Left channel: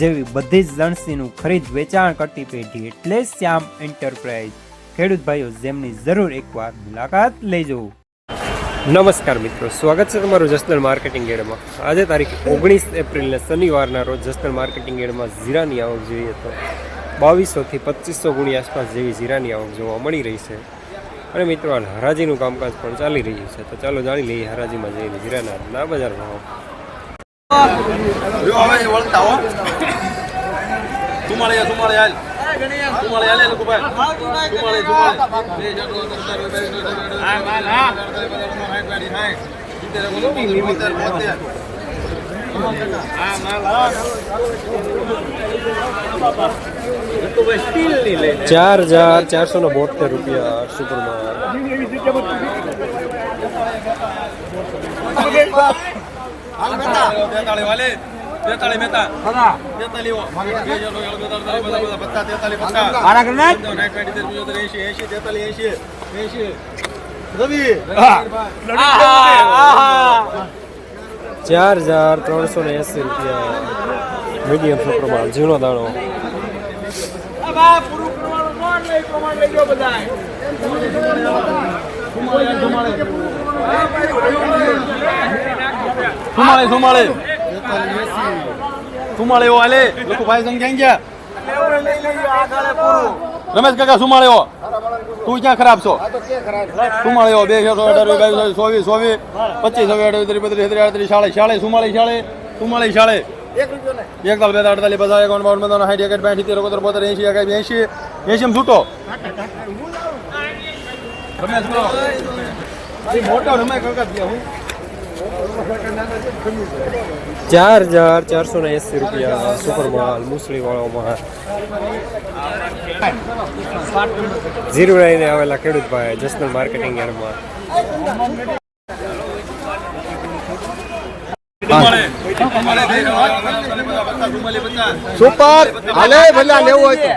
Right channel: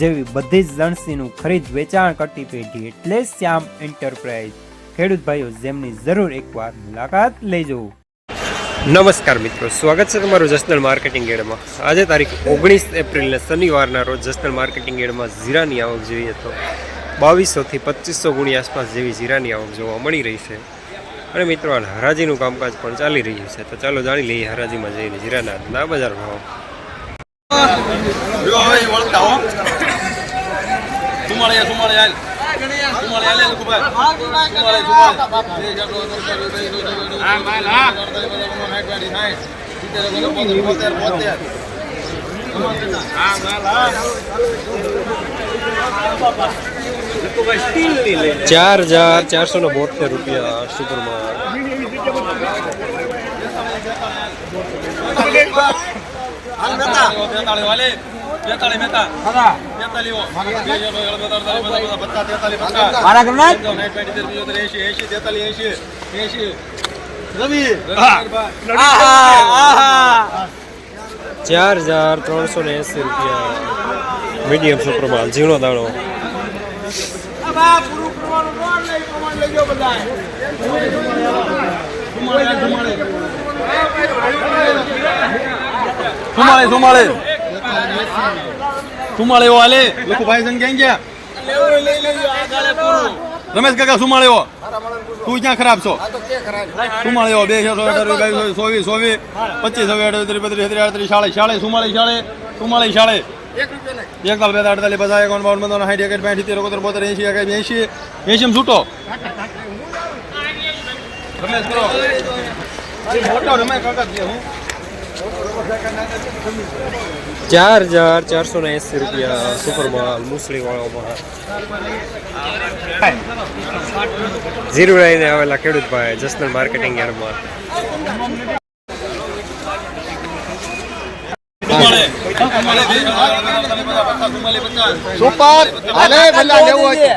જેવી બધી જ લણસીનું ખરીદ વેચાણ કરતી પેઢી એટલે શ્યામ એન્ટરપ્રાઇઝ. ખેડૂત ભાઈઓ જેમની જરૂર એકવાર મુલાકાત લેજો. નમસ્કાર મિત્રો સ્વાગત છે તમારું જસનલ માર્કેટિંગ એડમાં. આજે તારીખ ઓગણીસ એપ્રિલને શનિવારના રોજ જસનલ માર્કેટિંગ એડમાં જીરાની આવક જોઈએ તો બાવીસોથી પચીસો ગુણી આસપાસ જેવી જીરાની આવક જોવા મળી રહી છે. અને મિત્રો હાલ હરાજીનું કામકાજ પણ ચાલી રહ્યું છે. તો ચાલો જાણી લઈએ હરાજીમાં જઈને જીરાના ના બજાર ભાવ. સુમાળે સુમાળે હાલ. સુમાળે હાલે લોકો ભાઈ સુમાળે ચાર હજાર ચારસો ને બોતેર રૂપિયા સુપરમાં તેતાળી વાલે તેતાળી મહેતા. બીજો એસી એસી એસી એસી રવિ ચાર હજાર ત્રણસો ને એસી રૂપિયા. મીડિયમ સુપરમાં ઝીણો દાણો. સુમાળે સુમાળે સુમાળે એવો હાલે લોકો ભાઈ સંગ ક્યાં ગયા રમેશ કાકા સુમાળે એવો તું ક્યાં ખરાબ છો સુમાળે એવો બે છો સો અઢાર બાવીસ સોવીસ સોવીસ પચીસ છવ્વીસ અડત્રીસ બત્રીસ ત્રીસ અડત્રીસ શાળે શાળે સુમાળી શાળે સુમાળી શાળે એક લાખ બે અડતાલીસ પચાસ એકાવન બાવન પંદર સાઠ એકટ પાંઠ સિત્તેર એકોતેર બોતેર એસી એકાઈ એસી એંશી છૂટો રમેશ મોટો રમે કાકા હું ચાર હજાર ચારસો ને એંસી રૂપિયા સુપર માલ મુસળી વાળોમાં ઝીરો લઈને આવેલા ખેડૂત ભાઈ જસનલ માર્કેટિંગ યાર્ડમાં. સુપર ભલે ભલે લેવું હોય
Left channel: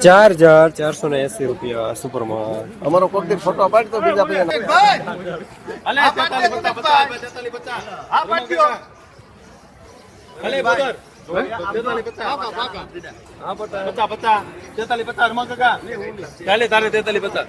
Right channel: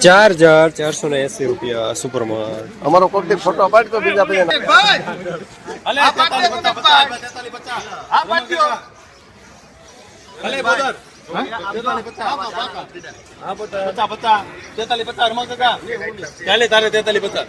ચાર હજાર ચારસો ને એંસી રૂપિયા સુપરમાલ અમારો કોક ફોટો પાડ તો બીજા પચાસ પચાસ. તેતાલીસ પચાસ રમા કાકા. તારે તેતાલીસ પચાસ.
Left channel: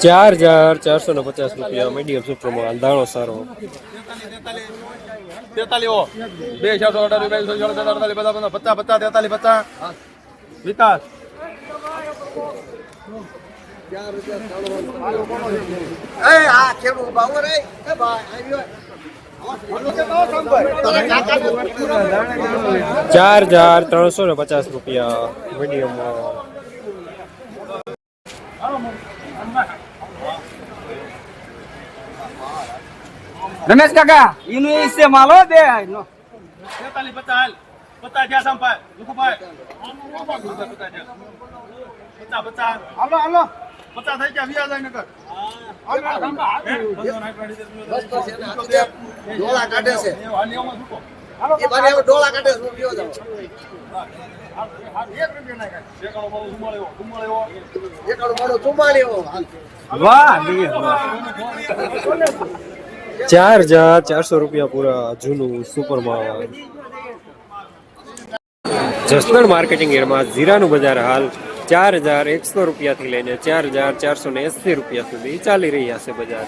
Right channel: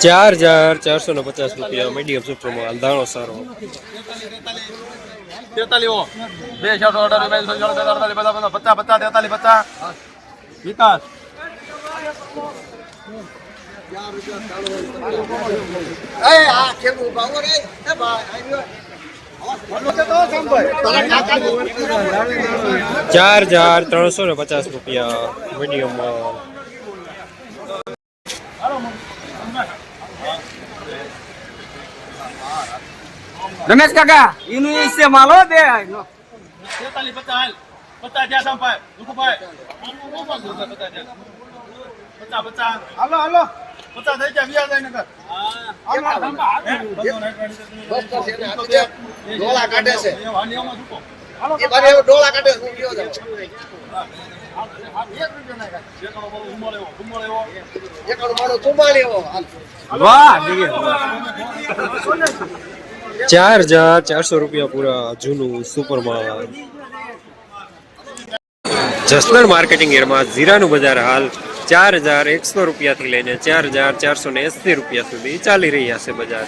ચાર હજાર ચારસો ને પચાસ રૂપિયા મીડિયમ સુપ્રમો દાણો સારો. તેતાલીસ બે છસો અઢાર અડતાલીસ પચાસ પચાસ, તેતાલીસ, પચાસ. વિકાસ. ચાર હજાર ત્રણસો ને પચાસ રૂપિયા મીડિયમ રમેશ કાકા એનું હિસ્સે માલો બે. તેતાલીસ પચાસ પચાસ જ્યાં સંપાય લુકુભાઈ પચાસ પચાસ. હાલો હાલો. પચાસ થઈ ગયા વ્યાજ ડોળા કાઢે છે. ડોળા કાઢે છે ચાર હજાર ચારસો રૂપિયા પૂરા જૂનું સુપરમાલ જસદણ માર્કેટિંગ એરમાં જીરાનું બજાર હાલ. ચાર હજાર એકસો રૂપિયાથી લઈને ચાર હજાર ચારસો ને એંસી રૂપિયા સુધી ચાલી રહ્યા છે બજાર.